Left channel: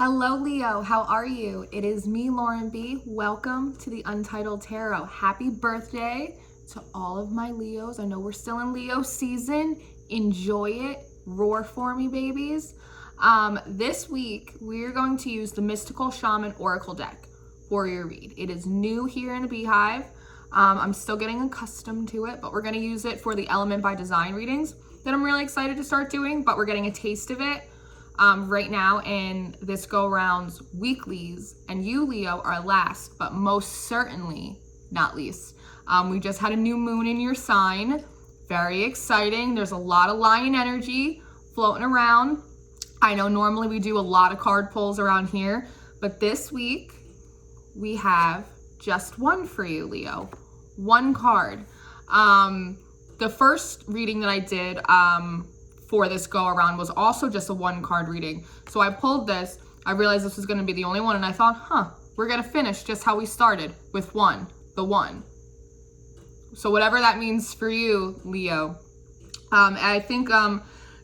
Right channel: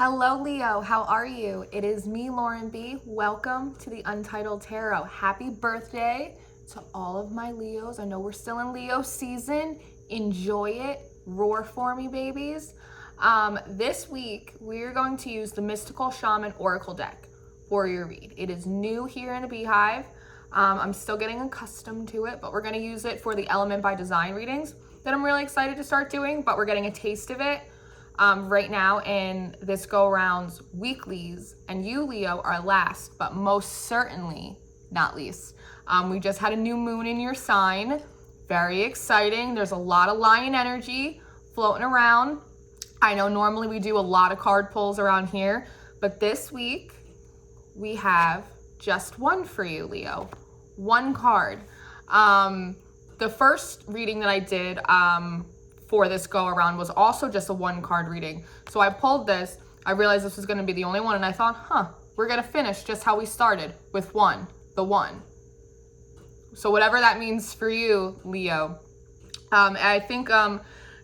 Hello, Leo. How are you? It is me, Lauren B. Welcome to the Untitled Tarot. Happy birthday to all of my Leos. I know we're still in Leo season. Enjoy it. Roar for me, babies. This week, we're going to use the Mystical Shaman Oracle deck for your read. It is new here in the Beehive. I'm still getting accustomed to it, but we're going to use it for the Element by Design readings that I'm really excited to start doing, but we're getting a taste of it right now in this go-around's weeklies, and you, Leo, are last, but most certainly not least. We just had a new moon in your sign. Very exciting. There's a lot of lion energy floating around. I know normally we do a lot of card pulls around here, but this week we have just one for you, Leo. One card. The first reading that I did for this go around was also just a one card reading. So I pulled this, I realized this was gonna be the only one, and I thought, we're gonna finish just how we started with the one. So whatever that means for you, Leo. I think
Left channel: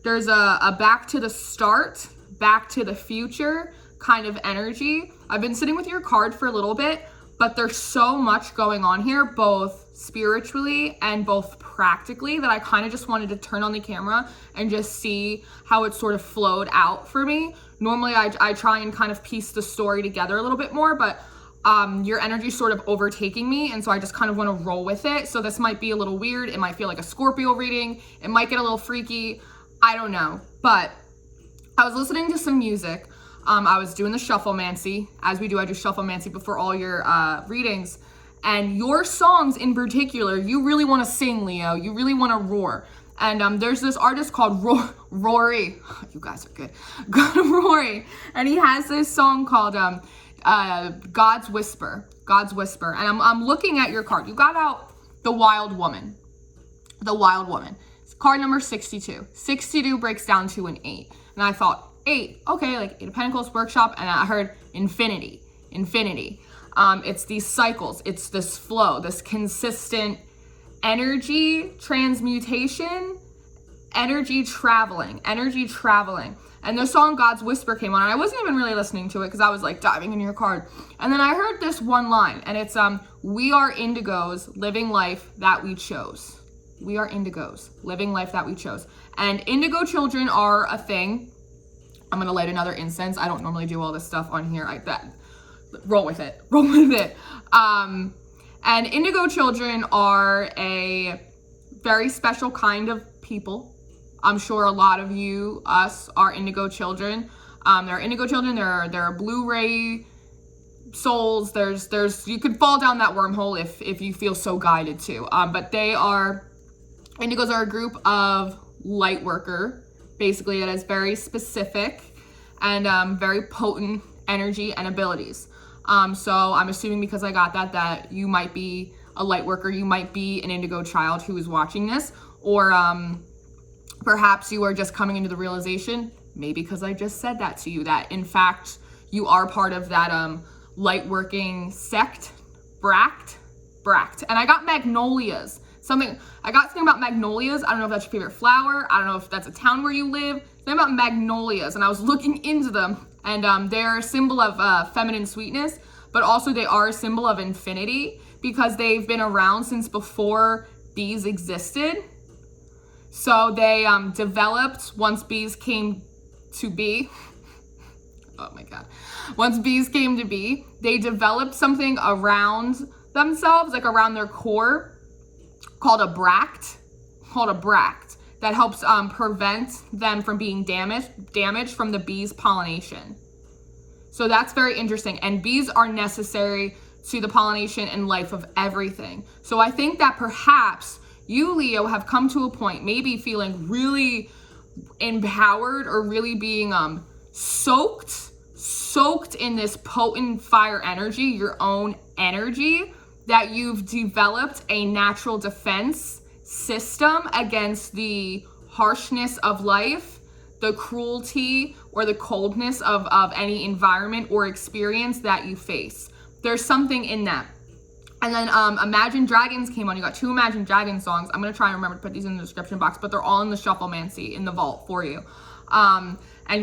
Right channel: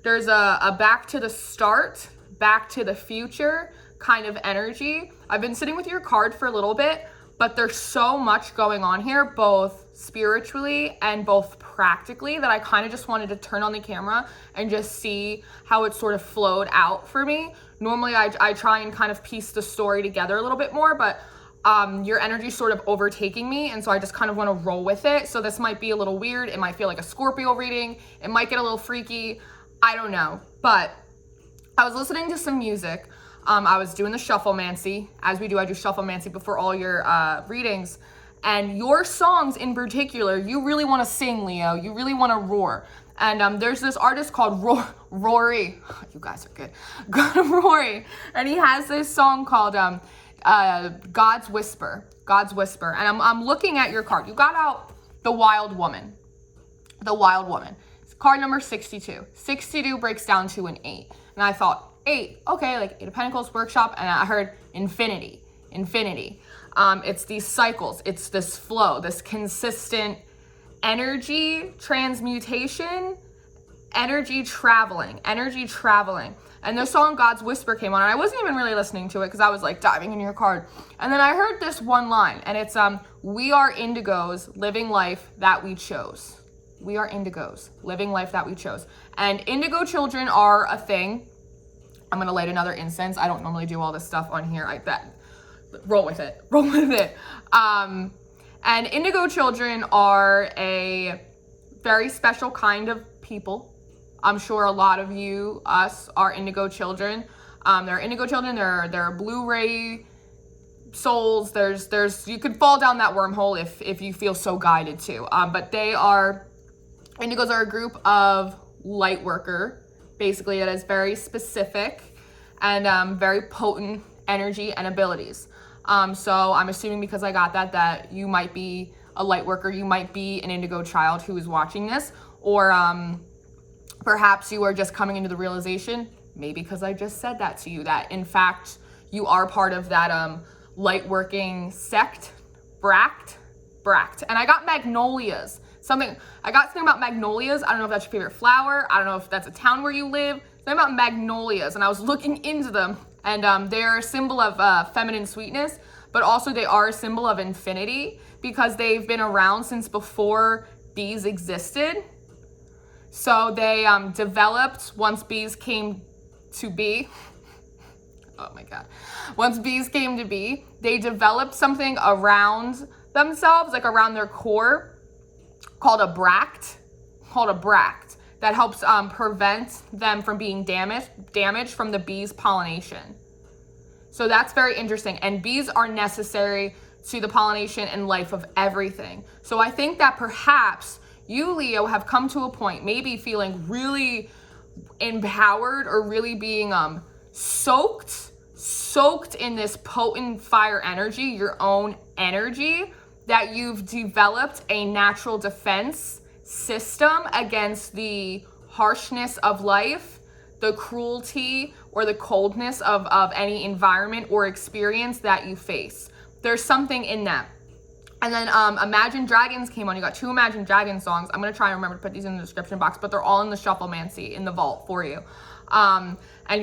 there's a back to the start, back to the future kind of energy. I've been sitting with your card for a little bit, but there's so much going on here, both spiritually and both practically, that I kind of just wanted to turn on the camera and just see how it sort of flowed out for me. Normally I try and kind of piece the story together a little bit more, but your energy is sort of overtaking me, and so I just kind of want to roll with it. So this might be a little weird. It might feel like a Scorpio reading. It might get a little freaky. I don't know. But I was listening to some music. I was doing the shufflemancy. As we do, I do shufflemancy before all your readings. And your songs in particular, you really want to sing, Leo. You really want to roar. And there's this artist called Rory. You guys are good. Rory. And he has this song called God's Whisper. God's Whisper. And I'm looking at your card. You got out the Wild Woman. The Wild Woman. It's card number 62. 62 breaks down to an 8. And I thought, 8, okay, like 8 of Pentacles, workshop, and I heard infinity. It's these cycles, it's this flow, this consistent energy transmutation, energy traveling. And the song God's Whisper came on, and I wasn't even really listening to it because I was like diving into your card. And then I heard this one line, and it's, we are indigos living life that we chose. We are indigos living life that we chose. And indigo children are a thing. I'm gonna light another incense. I don't normally do all this stuff on here like that. Roll with it. And indigo children are a very special kind of people. I'm sure a lot of us are indigo children. They're indigo children. They're Blu-ray souls. You could fall down that wormhole if you feel so guided to. But indigos are a group of light worker, basically, that is very specific and very potent energy and abilities. So I'm assuming because I got that you might be a light worker, you might be an indigo child who is watching this, or perhaps you are just coming into the realization, maybe because I just said that to you, that in fact you are part of that light working sect, Bract. And I got magnolias. I got something about magnolias. I don't know if that's your favorite flower. I don't know if that's a town where you live. Something about magnolias, and I was looking into them, and they're a symbol of feminine sweetness, but also they are a symbol of infinity because they've been around since before bees existed. So they developed once bees came to be. Oh my God. Once bees came to be, they developed something around themselves, like around their core, called a bract, that helps prevent them from being damaged from the bees' pollination. So that's very interesting. And bees are necessary to the pollination and life of everything. So I think that perhaps you, Leo, have come to a point, maybe feeling really empowered or really being soaked in this potent fire energy, your own energy, that you've developed a natural defense system against the harshness of life, the cruelty or the coldness of any environment or experience that you face. There's something in that. And then Imagine Dragons came on. You got 2 Imagine Dragons songs. I'm going to try and remember to put these in the description box, but they're all in the shufflemancy in the vault for you. And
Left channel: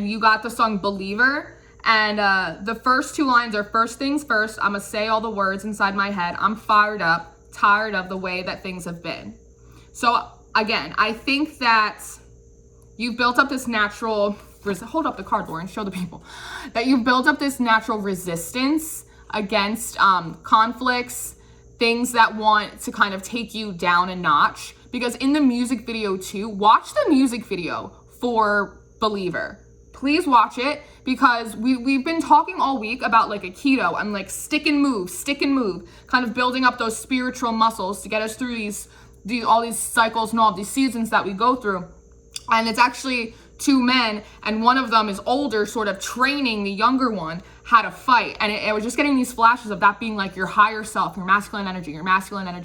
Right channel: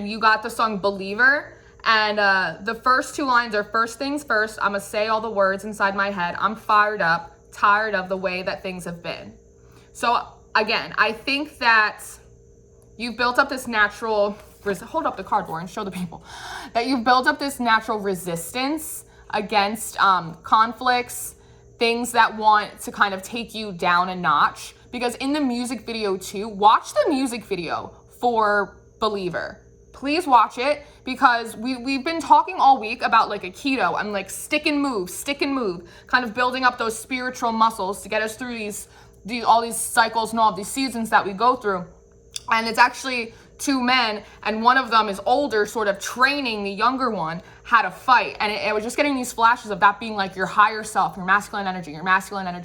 you got the song Believer. And the first 2 lines are, first things first, I'm gonna say all the words inside my head. I'm fired up, tired of the way that things have been. So again, I think that you've built up this natural, hold up the cardboard and show the people, that you've built up this natural resistance against conflicts, things that want to kind of take you down a notch. Because in the music video too, watch the music video for Believer. Please watch it, because we've been talking all week about like Aikido and like stick and move, kind of building up those spiritual muscles to get us through all these cycles and all these seasons that we go through. And it's actually 2 men, and one of them is older, sort of training the younger one how to fight. And it was just getting these flashes of that being like your higher self, your masculine energy,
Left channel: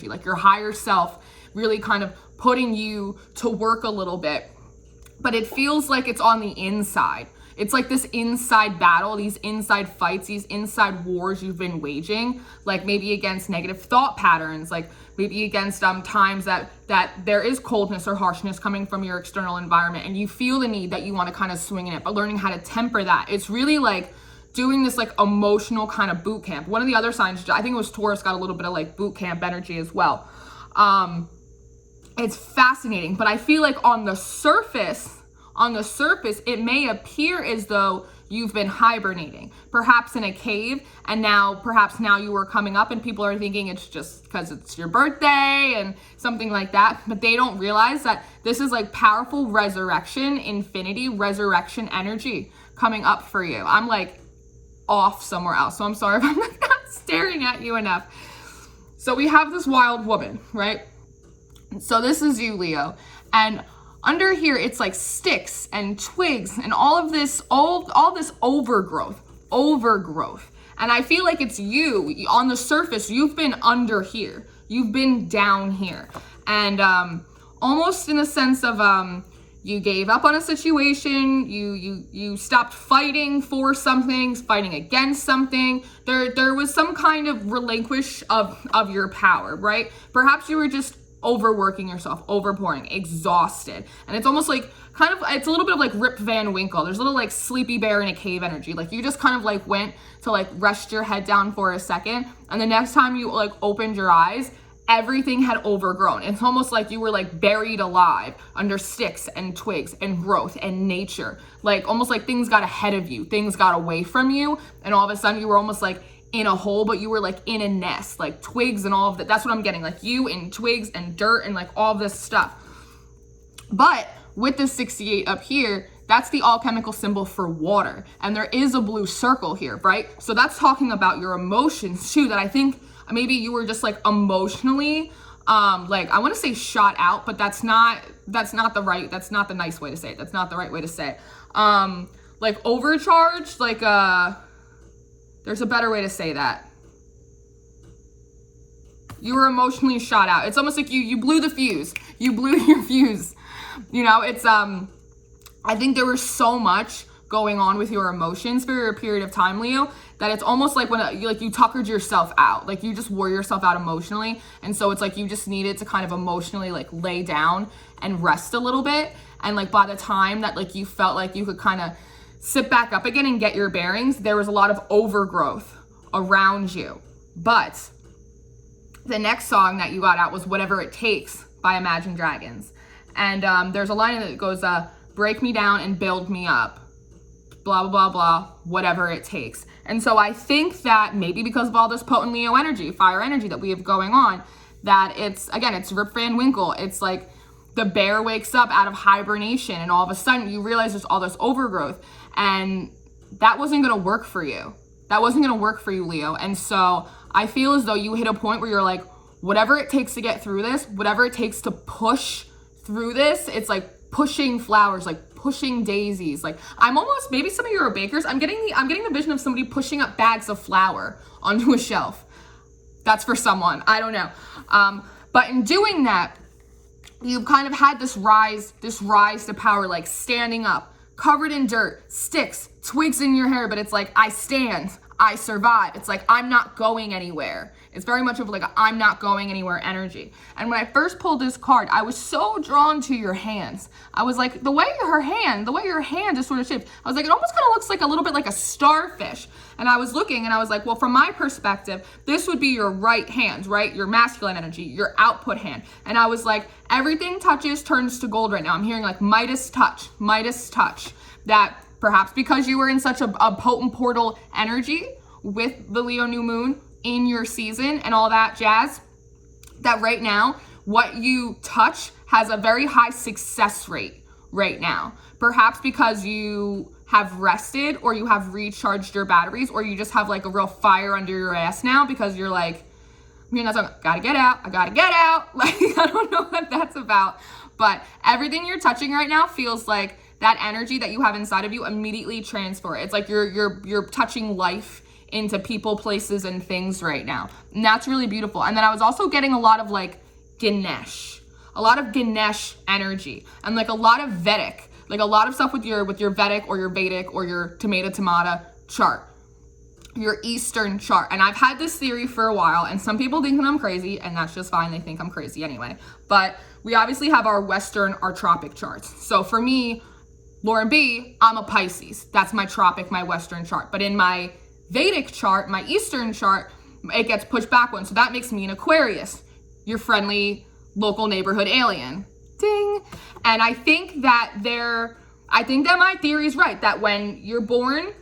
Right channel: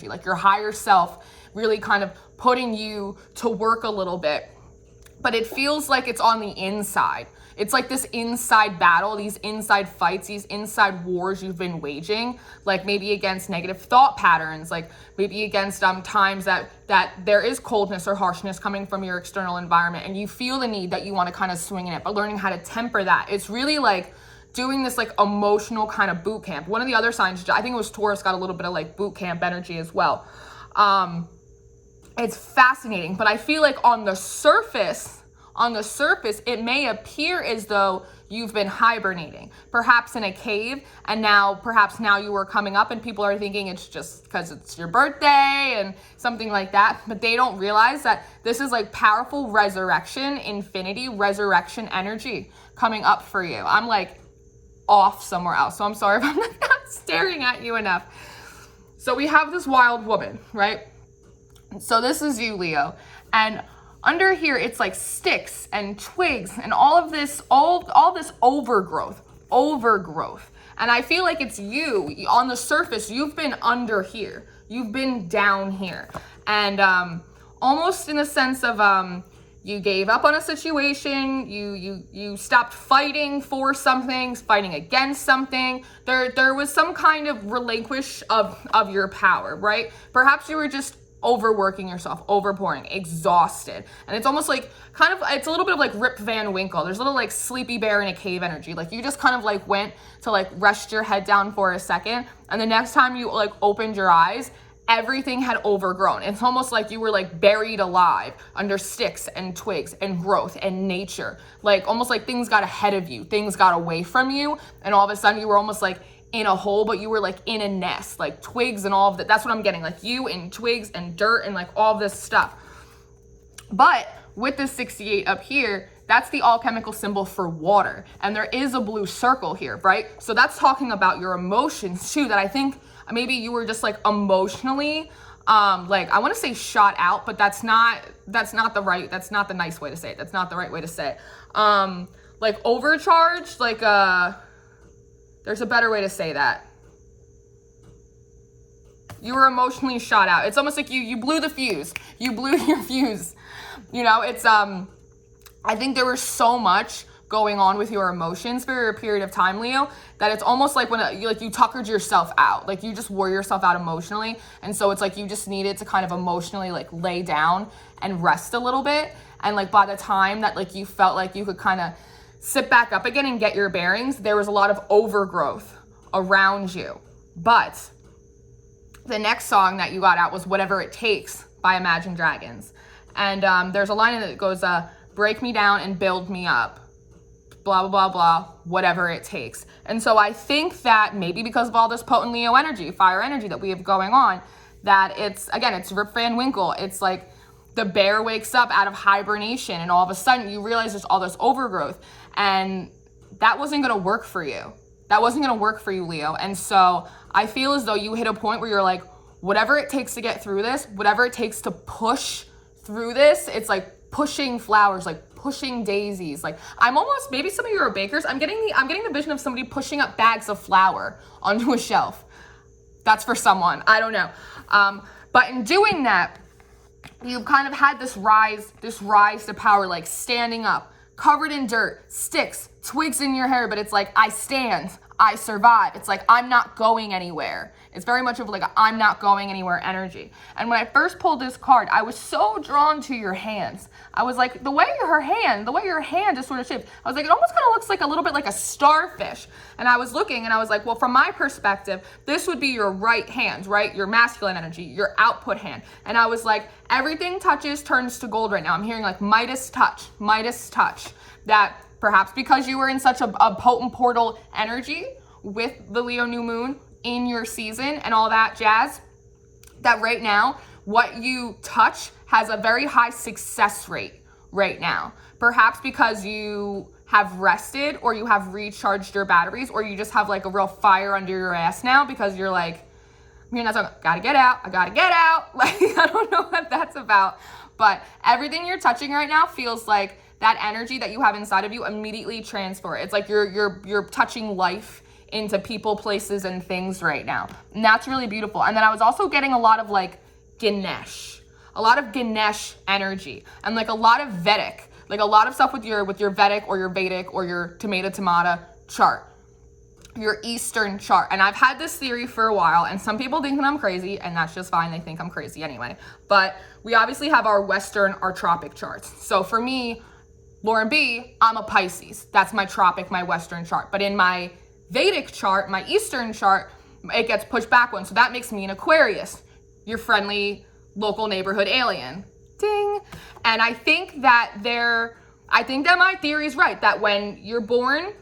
like your higher self really kind of putting you to work a little bit. But it feels like it's on the inside. It's like this inside battle, these inside fights, these inside wars you've been waging, like maybe against negative thought patterns, like maybe against times that there is coldness or harshness coming from your external environment, and you feel the need that you want to kind of swing in it, but learning how to temper that. It's really like doing this like emotional kind of boot camp. One of the other signs, I think it was Taurus, got a little bit of like boot camp energy as well. It's fascinating, but I feel like on the surface, it may appear as though you've been hibernating, perhaps in a cave, and perhaps now you are coming up and people are thinking it's just because it's your birthday and something like that, but they don't realize that this is like powerful resurrection, infinity, resurrection energy coming up for you. I'm like off somewhere else, so I'm sorry if I'm not staring at you enough. So we have this wild woman, right? So this is you, Leo, and under here it's like sticks and twigs and all this overgrowth. And I feel like it's you on the surface. You've been under here, you've been down here, and almost in the sense of you gave up on a situation, you stopped fighting for something, fighting against something. There was some kind of relinquish of your power, right? Perhaps you were just overworking yourself, overpouring, exhausted. And it's almost like it's a little bit of like Rip Van Winkle. There's a little like sleepy bear in a cave energy. Like you just kind of like went to like rest your head down for a second, and the next time you like opened your eyes, everything had overgrown. It's almost like you were like buried alive under sticks and twigs and growth and nature. Like almost like things got ahead of you, things got away from you, and all of a sudden you were almost like in a hole, but you were like in a nest, like twigs and all of that. That's what I'm getting, like you in twigs and dirt and like all this stuff. But with the 68 up here, that's the alchemical symbol for water. And there is a blue circle here, right? So that's talking about your emotions too, that I think maybe you were just like emotionally, like I want to say shot out, but that's not the nice way to say it. That's not the right way to say it. Like overcharged, like, there's a better way to say that. You were emotionally shot out. It's almost like you blew the fuse. You blew your fuse. You know, it's, I think there was so much going on with your emotions for a period of time, Leo, that it's almost like when you tuckered yourself out. Like you just wore yourself out emotionally. And so it's like you just needed to kind of emotionally like lay down and rest a little bit. And like by the time that like you felt like you could kind of sit back up again and get your bearings, there was a lot of overgrowth around you. But the next song that you got out was Whatever It Takes by Imagine Dragons. And there's a line that goes, break me down and build me up, blah, blah, blah, blah, whatever it takes. And so I think that maybe because of all this potent Leo energy, fire energy that we have going on, that it's Rip Van Winkle. It's like the bear wakes up out of hibernation and all of a sudden you realize there's all this overgrowth. And that wasn't going to work for you. That wasn't going to work for you, Leo. And so I feel as though you hit a point where you're like, whatever it takes to get through this, whatever it takes to push through this, it's like pushing flowers, like pushing daisies. Like I'm almost, maybe some of you are bakers. I'm getting the vision of somebody pushing up bags of flour onto a shelf. That's for someone. I don't know. But in doing that, you've kind of had this rise to power, like standing up, covered in dirt, sticks, twigs in your hair, but it's like, I stand, I survive. It's like, I'm not going anywhere. It's very much of like a I'm not going anywhere energy. And when I first pulled this card, I was so drawn to your hands. I was like, the way your hand is sort of shaped, I was like, it almost kind of looks like a little bit like a starfish. And I was looking and I was like, well, from my perspective, this would be your right hand, right? Your masculine energy, your output hand. And I was like, everything touches turns to gold right now. I'm hearing like Midas touch. That perhaps because you were in such a potent portal energy with the Leo new moon in your season and all that jazz, that right now, what you touch has a very high success rate right now. Perhaps because you have rested or you have recharged your batteries, or you just have like a real fire under your ass now because you're like, I'm hearing that song, I gotta get out. Like, I don't know what that's about, but everything you're touching right now feels like that energy that you have inside of you immediately transfer. It's like you're touching life into people, places, and things right now. And that's really beautiful. And then I was also getting a lot of like Ganesh energy, and like a lot of Vedic, like a lot of stuff with your Vedic or your Vedic or your tomato chart, your Eastern chart. And I've had this theory for a while, and some people think that I'm crazy, and that's just fine. They think I'm crazy anyway. But we obviously have our Western, our tropic charts. So for me, Lauren B, I'm a Pisces. That's my tropic, my Western chart. But in my Vedic chart, my Eastern chart, it gets pushed back one. So that makes me an Aquarius, your friendly local neighborhood alien. Ding. And I think that my theory is right, that when you're born,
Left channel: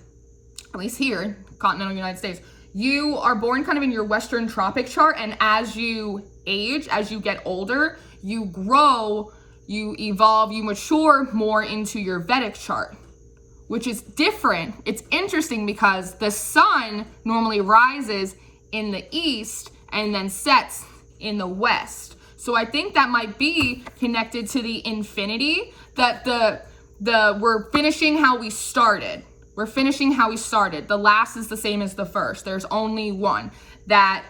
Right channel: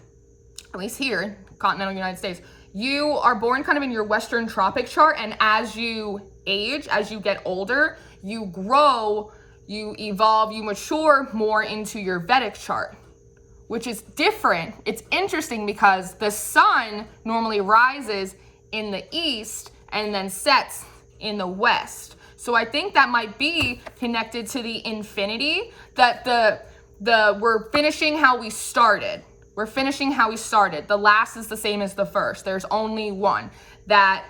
at least here, continental United States, you are born kind of in your Western tropic chart, and as you age, as you get older, you grow, you evolve, you mature more into your Vedic chart, which is different. It's interesting because the sun normally rises in the east and then sets in the west. So I think that might be connected to the infinity, that we're finishing how we started. The last is the same as the first. There's only one. That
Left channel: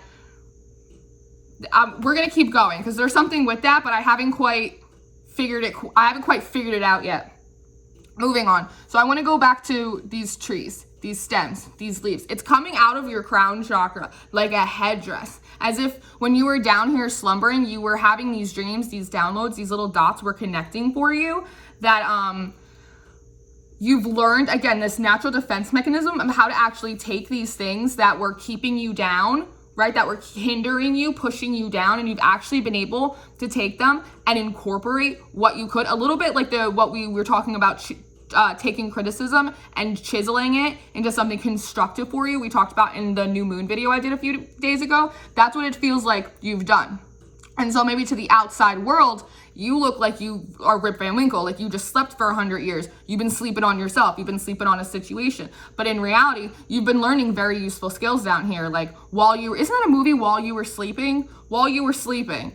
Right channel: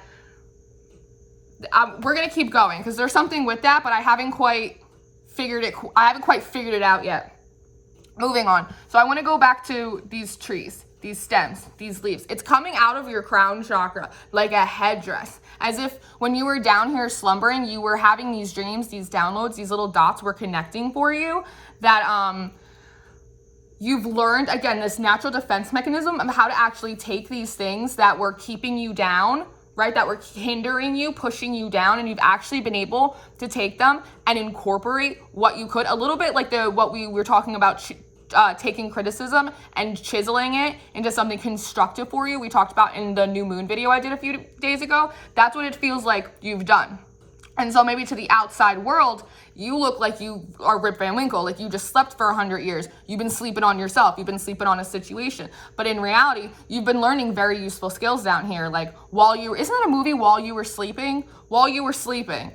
we're gonna keep going because there's something with that, but I haven't quite figured it out yet. Moving on. So I want to go back to these trees, these stems, these leaves. It's coming out of your crown chakra like a headdress. As if when you were down here slumbering, you were having these dreams, these downloads, these little dots were connecting for you, that you've learned, again, this natural defense mechanism of how to actually take these things that were keeping you down, right, that were hindering you, pushing you down, and you've actually been able to take them and incorporate what you could, a little bit like what we were talking about, taking criticism and chiseling it into something constructive for you. We talked about in the new moon video I did a few days ago. That's what it feels like you've done. And so maybe to the outside world, you look like you are Rip Van Winkle, like you just slept for 100 years. You've been sleeping on yourself. You've been sleeping on a situation. But in reality, you've been learning very useful skills down here. Like isn't that a movie, While You Were Sleeping? While you were sleeping.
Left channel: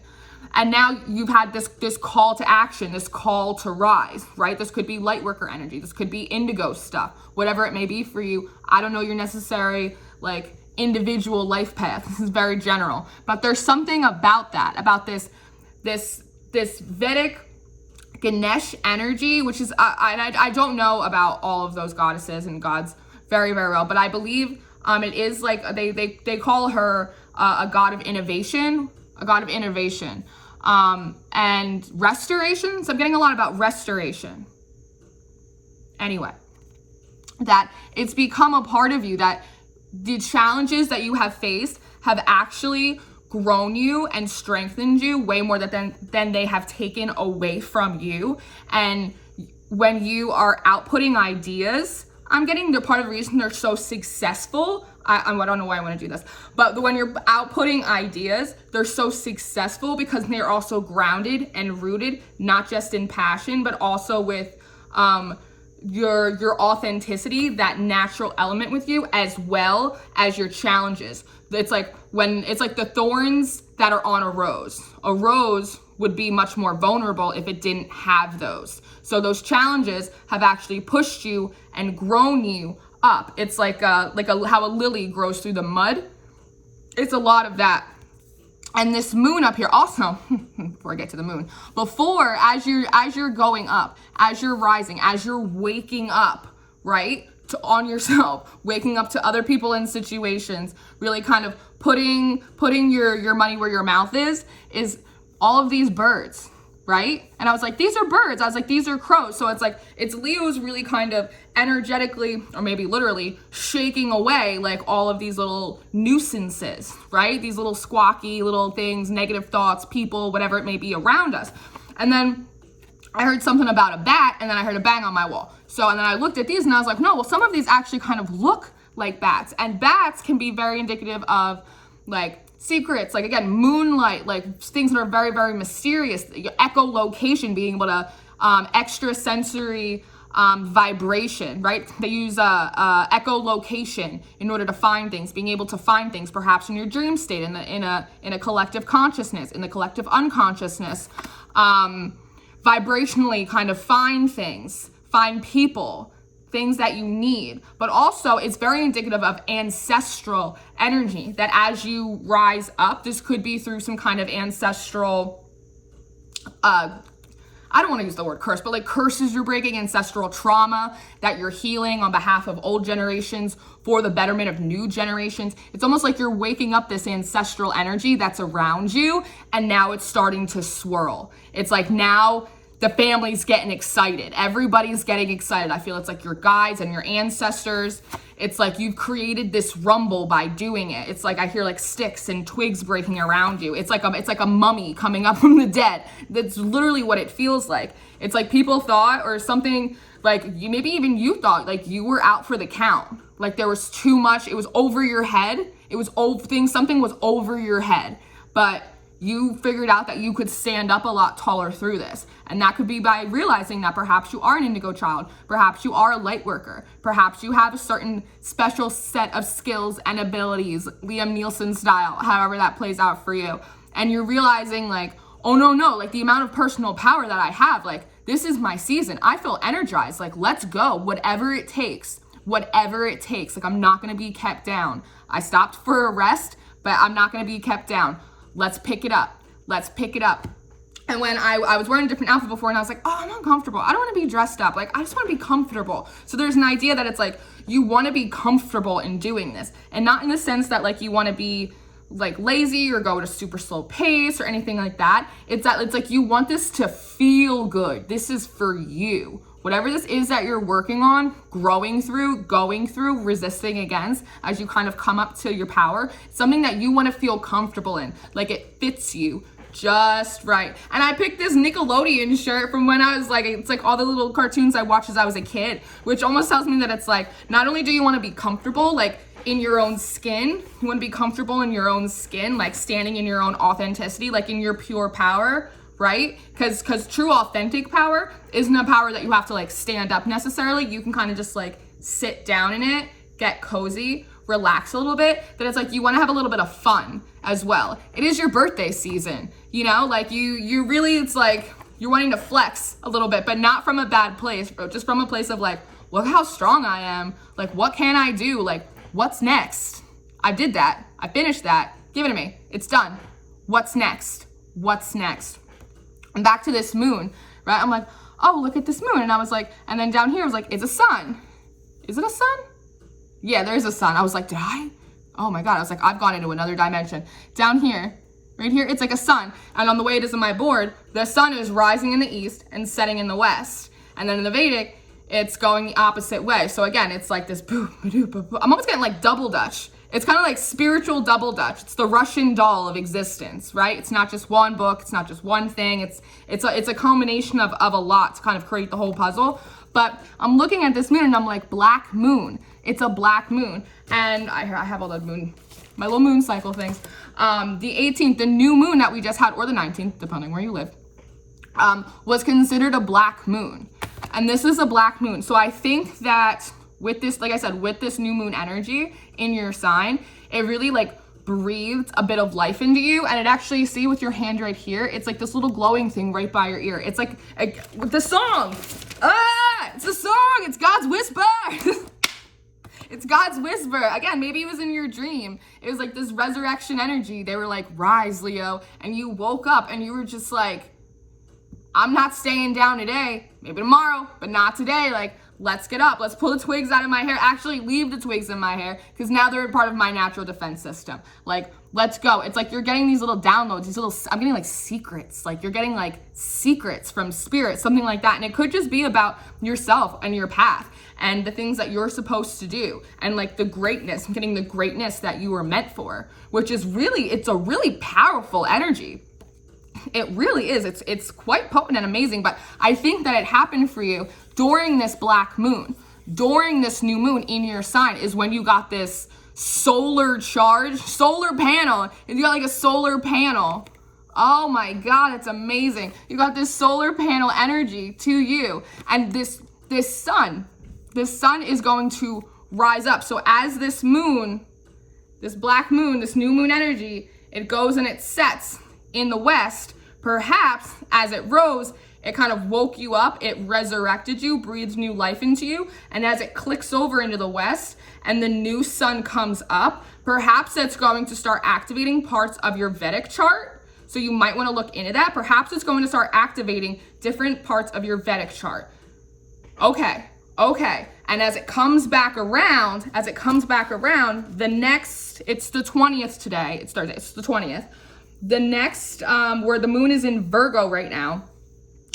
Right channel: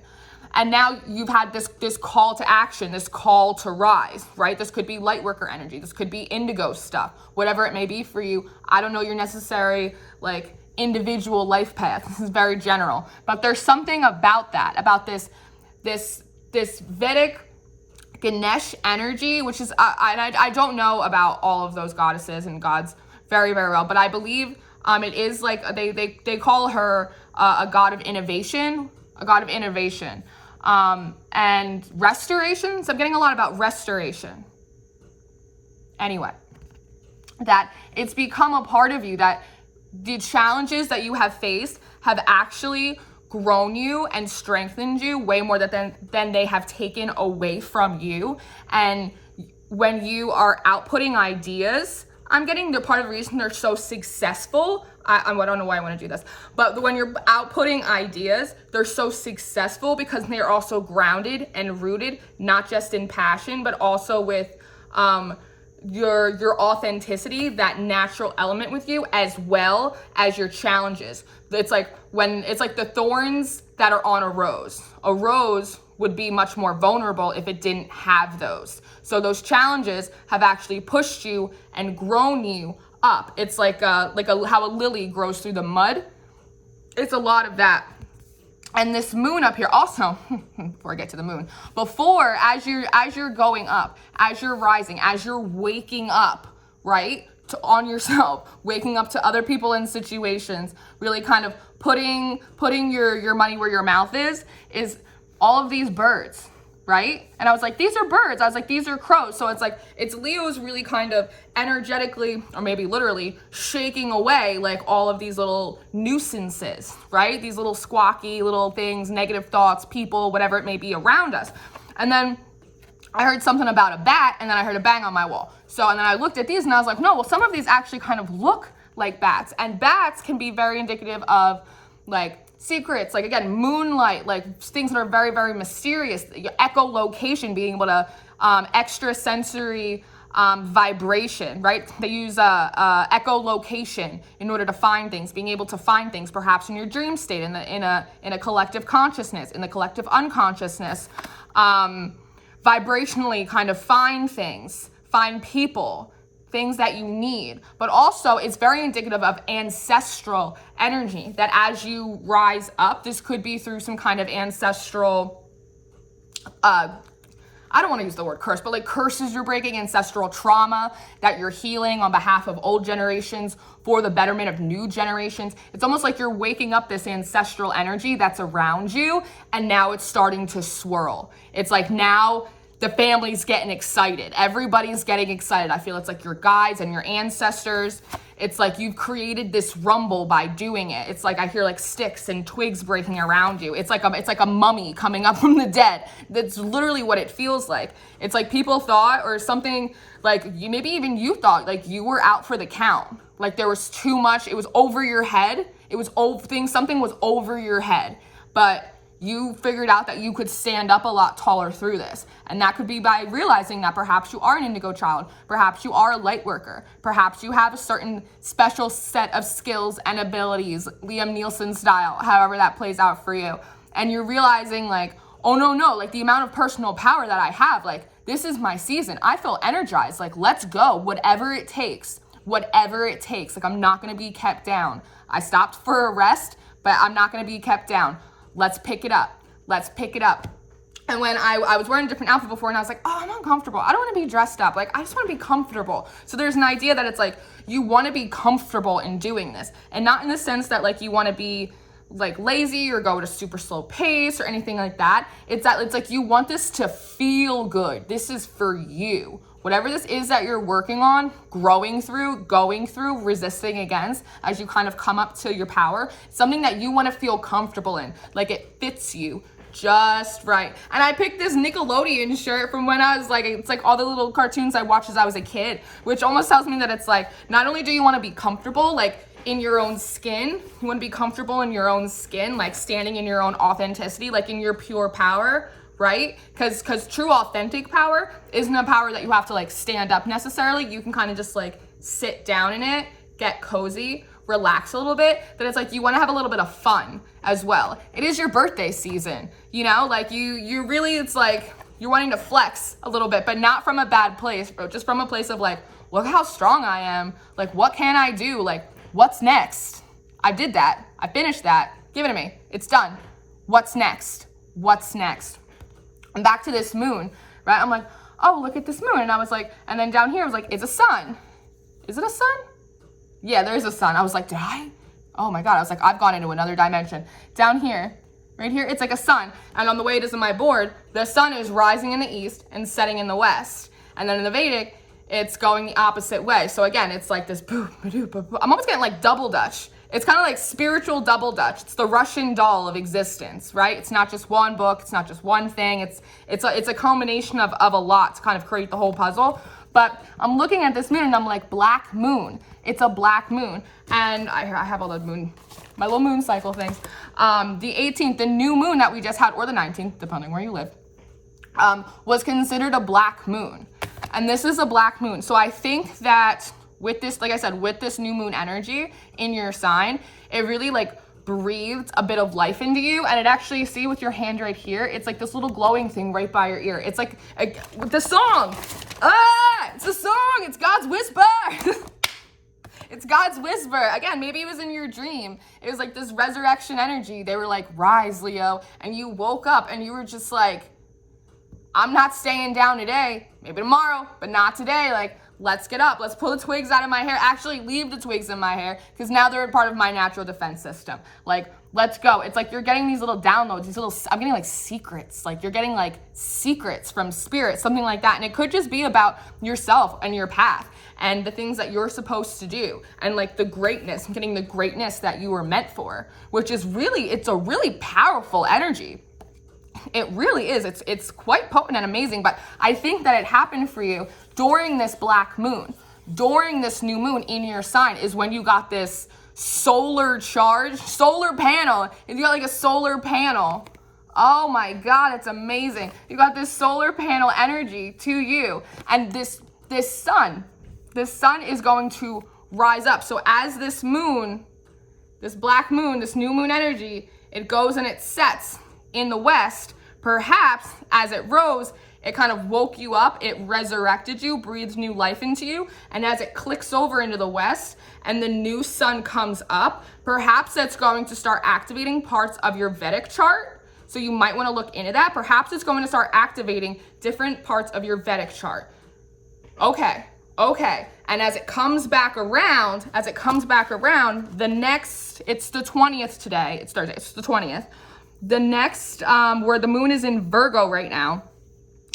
And now you've had this call to action, this call to rise, right? This could be light worker energy. This could be indigo stuff, whatever it may be for you. I don't know your necessary like individual life path. This is very general, but there's something about that, about this Vedic Ganesh energy, which is, I don't know about all of those goddesses and gods very, very well, but I believe it is like, they call her a god of innovation, and restoration. So I'm getting a lot about restoration. Anyway, that it's become a part of you, that the challenges that you have faced have actually grown you and strengthened you way more than they have taken away from you. And when you are outputting ideas, I'm getting the part of the reason they're so successful. I don't know why I want to do this, but when you're outputting ideas, they're so successful because they're also grounded and rooted, not just in passion, but also with your authenticity, that natural element with you, as well as your challenges. It's like the thorns that are on a rose. A rose would be much more vulnerable if it didn't have those. So those challenges have actually pushed you and grown you up. It's like how a lily grows through the mud. It's a lot of that. And this moon up here also, before I get to the moon, as you're going up, as you're rising, as you're waking up, right, on yourself, waking up to other people in situations, really kind of putting your money where your mouth is all of these birds, right? And I was like, these are birds. I was like, these are crows. So it's like, it's Leo's really kind of energetically, or maybe literally, shaking away like all of these little nuisances, right? These little squawky little things, negative thoughts, people, whatever it may be around us. And then I heard something about a bat, and then I heard a bang on my wall. So, and then I looked at these and I was like, no, well, some of these actually kind of look like bats. And bats can be very indicative of like secrets, like again, moonlight, like things that are very, very mysterious, echolocation, being able to extrasensory vibration, right? They use echolocation in order to find things, being able to find things, perhaps in your dream state, in a collective consciousness, in the collective unconsciousness, vibrationally kind of find things, find people, things that you need. But also it's very indicative of ancestral energy, that as you rise up, this could be through some kind of ancestral, I don't want to use the word curse, but like curses you're breaking, ancestral trauma that you're healing on behalf of old generations for the betterment of new generations. It's almost like you're waking up this ancestral energy that's around you, and now it's starting to swirl. It's like now the family's getting excited. Everybody's getting excited. I feel it's like your guides and your ancestors. It's like you've created this rumble by doing it. It's like I hear like sticks and twigs breaking around you. It's like a mummy coming up from the dead. That's literally what it feels like. It's like people thought, or something like maybe even you thought like you were out for the count. Like there was too much. It was over your head. It was something was over your head. But you figured out that you could stand up a lot taller through this. And that could be by realizing that perhaps you are an indigo child, perhaps you are a light worker, perhaps you have a certain special set of skills and abilities, Liam Neeson style, however that plays out for you. And you're realizing like, oh no, like the amount of personal power that I have, like this is my season. I feel energized, like let's go, whatever it takes. Like I'm not gonna be kept down. I stopped for a rest, but I'm not gonna be kept down. Let's pick it up. And when I was wearing a different outfit before, and I was like, oh, I'm uncomfortable. I don't want to be dressed up. Like, I just want to be comfortable. So there's an idea that it's like, you want to be comfortable in doing this. And not in the sense that like you want to be like lazy or go at a super slow pace or anything like that. It's like you want this to feel good. This is for you. Whatever this is that you're working on, growing through, going through, resisting against, as you kind of come up to your power, something that you want to feel comfortable in, like it fits you just right. And I picked this Nickelodeon shirt from when I was like, it's like all the little cartoons I watched as I was a kid, which almost tells me that it's like, not only do you want to be comfortable, like in your own skin, you want to be comfortable in your own skin, like standing in your own authenticity, like in your pure power, right? Because true authentic power isn't a power that you have to like stand up necessarily. You can kind of just like sit down in it, get cozy, relax a little bit. That it's like you want to have a little bit of fun as well. It is your birthday season, you know, like you really, it's like you're wanting to flex a little bit, but not from a bad place, but just from a place of like, look how strong I am. Like, what can I do? Like, what's next? I did that. I finished that. Give it to me. It's done. What's next? And back to this moon, right? I'm like, oh, look at this moon. And I was like, and then down here I was like, it's a sun. Is it a sun? Yeah, there's a sun. I was like, did I? Oh my God. I was like, I've gone into another dimension. Down here, right here, it's like a sun. And on the way it is on my board, the sun is rising in the east and setting in the west. And then in the Vedic, it's going the opposite way. So again, it's like this, I'm almost getting like double Dutch. It's kind of like spiritual double Dutch. It's the Russian doll of existence, right? It's not just one book. It's not just one thing. It's a culmination of a lot to kind of create the whole puzzle. But I'm looking at this moon and I'm like, black moon. It's a black moon. And I have all the moon, my little moon cycle things. The 18th, the new moon that we just had, or the 19th, depending where you live, was considered a black moon. And this is a black moon. So I think that with this, like I said, with this new moon energy in your sign, it really like breathed a bit of life into you. And it actually, see with your hand right here, it's like this little glowing thing right by your ear. It's like the song. It's a song. It's God's whisper. It's God's whisper. Again, maybe it was in your dream. It was like this resurrection energy. They were like, rise, Leo. And you woke up and you were just like, I'm not staying down today. Maybe tomorrow, but not today. Like, let's get up. Let's pull the twigs out of my hair. Actually, leave the twigs in my hair because now they're part of my natural defense system. Like, let's go. It's like you're getting these little downloads, I'm getting like secrets. Like you're getting like secrets from spirit, something like that. And it could just be about yourself and your path and the things that you're supposed to do. And like the greatness, I'm getting the greatness that you were meant for, which is really, it's a really powerful energy. It really is. It's quite potent and amazing, but I think that it happened for you during this black moon, during this new moon in your sign is when you got this solar panel. You got like a solar panel. Oh my God, it's amazing. You got this solar panel energy to you, and this sun is going to rise up. So as this moon, this black moon, this new moon energy, it goes and it sets in the west, perhaps as it rose, it kind of woke you up, it resurrected you, breathed new life into you, and as it clicks over into the west and the new sun comes up, perhaps it's going to start activating parts of your Vedic chart. So you might want to look into that. Perhaps it's going to start activating different parts of your Vedic chart. Okay. And as it comes back around, the next, it's the 20th today, it's Thursday, it's the 20th. The next, where the moon is in Virgo right now,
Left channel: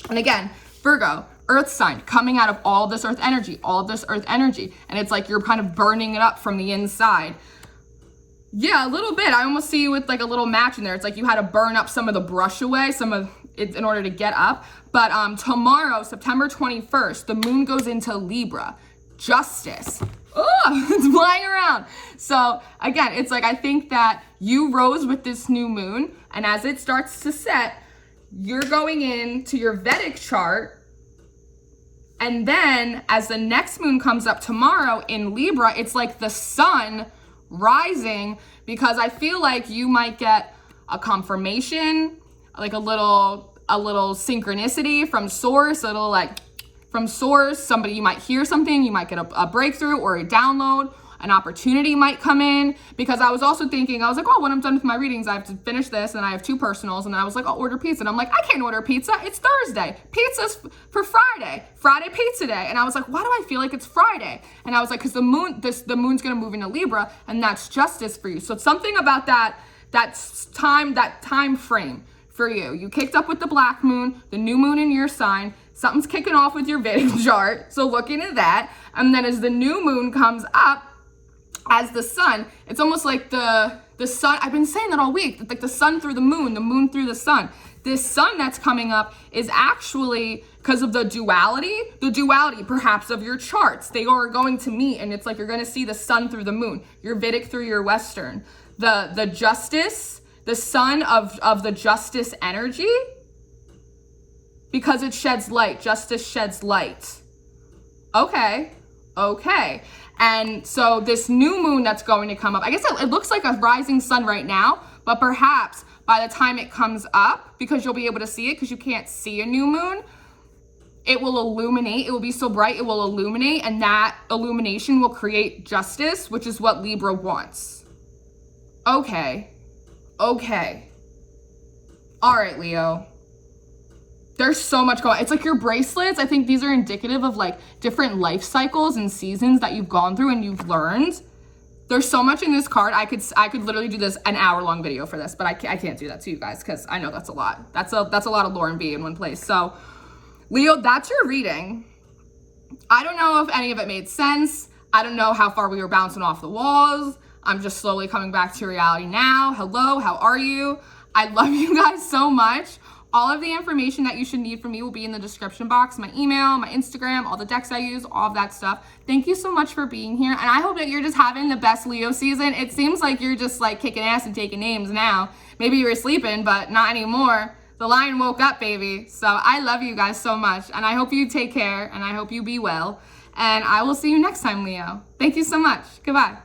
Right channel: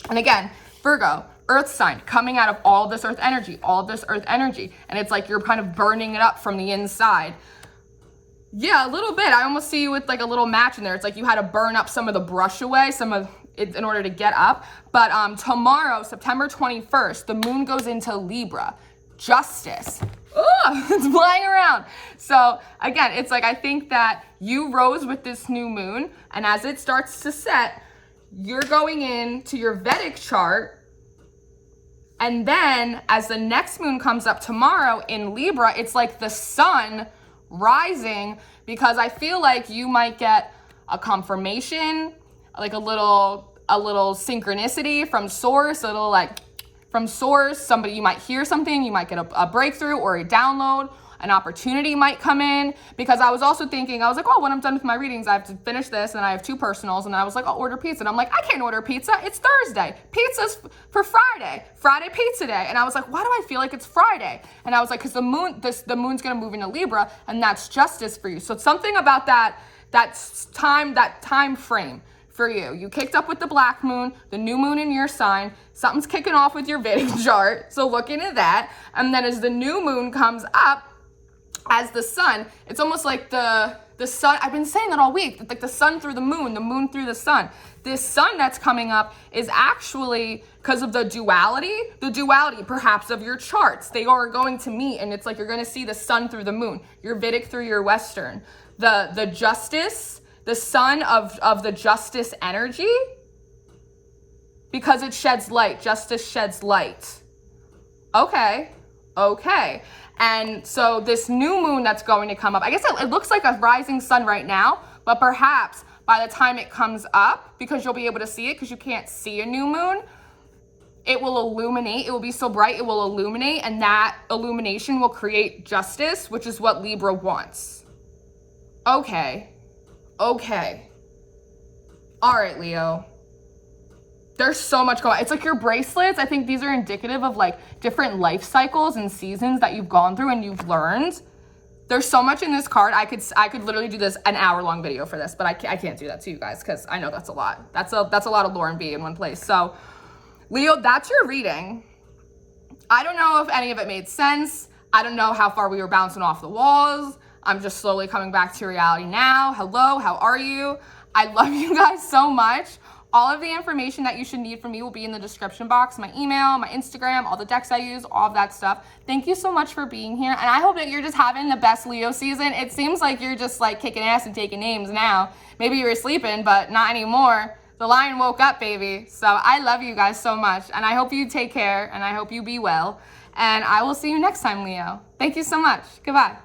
and again, Virgo, earth sign, coming out of all this earth energy, and it's like you're kind of burning it up from the inside. Yeah, a little bit. I almost see you with like a little match in there. It's like you had to burn up some of the brush away, some of it in order to get up. But tomorrow, September 21st, the moon goes into Libra, justice. It's flying around. So again, it's like, I think that you rose with this new moon, and as it starts to set, you're going into your Vedic chart. And then as the next moon comes up tomorrow in Libra, it's like the sun rising, because I feel like you might get a confirmation, like a little synchronicity from source, somebody, you might hear something, you might get a breakthrough or a download, an opportunity might come in. Because I was also thinking, I was like, oh, when I'm done with my readings, I have to finish this, and I have 2 personals, and then I was like, I'll order pizza. And I'm like, I can't order pizza, it's Thursday. Pizza's for Friday pizza day. And I was like, why do I feel like it's Friday? And I was like, because the moon's gonna move into Libra, and that's justice for you. So it's something about that time frame for you. You kicked up with the black moon, the new moon in your sign, something's kicking off with your Vedic chart, so look into that. And then as the new moon comes up, as the sun, it's almost like the sun, I've been saying that all week, like the sun through the moon through the sun. This sun that's coming up is actually, because of the duality perhaps of your charts, they are going to meet, and it's like you're going to see the sun through the moon, your Vedic through your Western. The justice, the sun of the justice energy, because it sheds light. Justice sheds light. Okay. And so this new moon that's going to come up, I guess it looks like a rising sun right now, but perhaps by the time it comes up, because you'll be able to see it because you can't see a new moon, it will illuminate. It will be so bright, it will illuminate, and that illumination will create justice, which is what Libra wants. Okay. All right, Leo. There's so much going on. It's like your bracelets, I think these are indicative of like different life cycles and seasons that you've gone through and you've learned. There's so much in this card. I could literally do this an hour-long video for this, but I can't do that to you guys because I know that's a lot. That's a lot of Lauren B in one place. So Leo, that's your reading. I don't know if any of it made sense. I don't know how far we were bouncing off the walls. I'm just slowly coming back to reality now. Hello, how are you? I love you guys so much. All of the information that you should need from me will be in the description box, my email, my Instagram, all the decks I use, all of that stuff. Thank you so much for being here. And I hope that you're just having the best Leo season. It seems like you're just like kicking ass and taking names now. Maybe you were sleeping, but not anymore. The lion woke up, baby. So I love you guys so much. And I hope you take care, and I hope you be well. And I will see you next time, Leo. Thank you so much. Goodbye.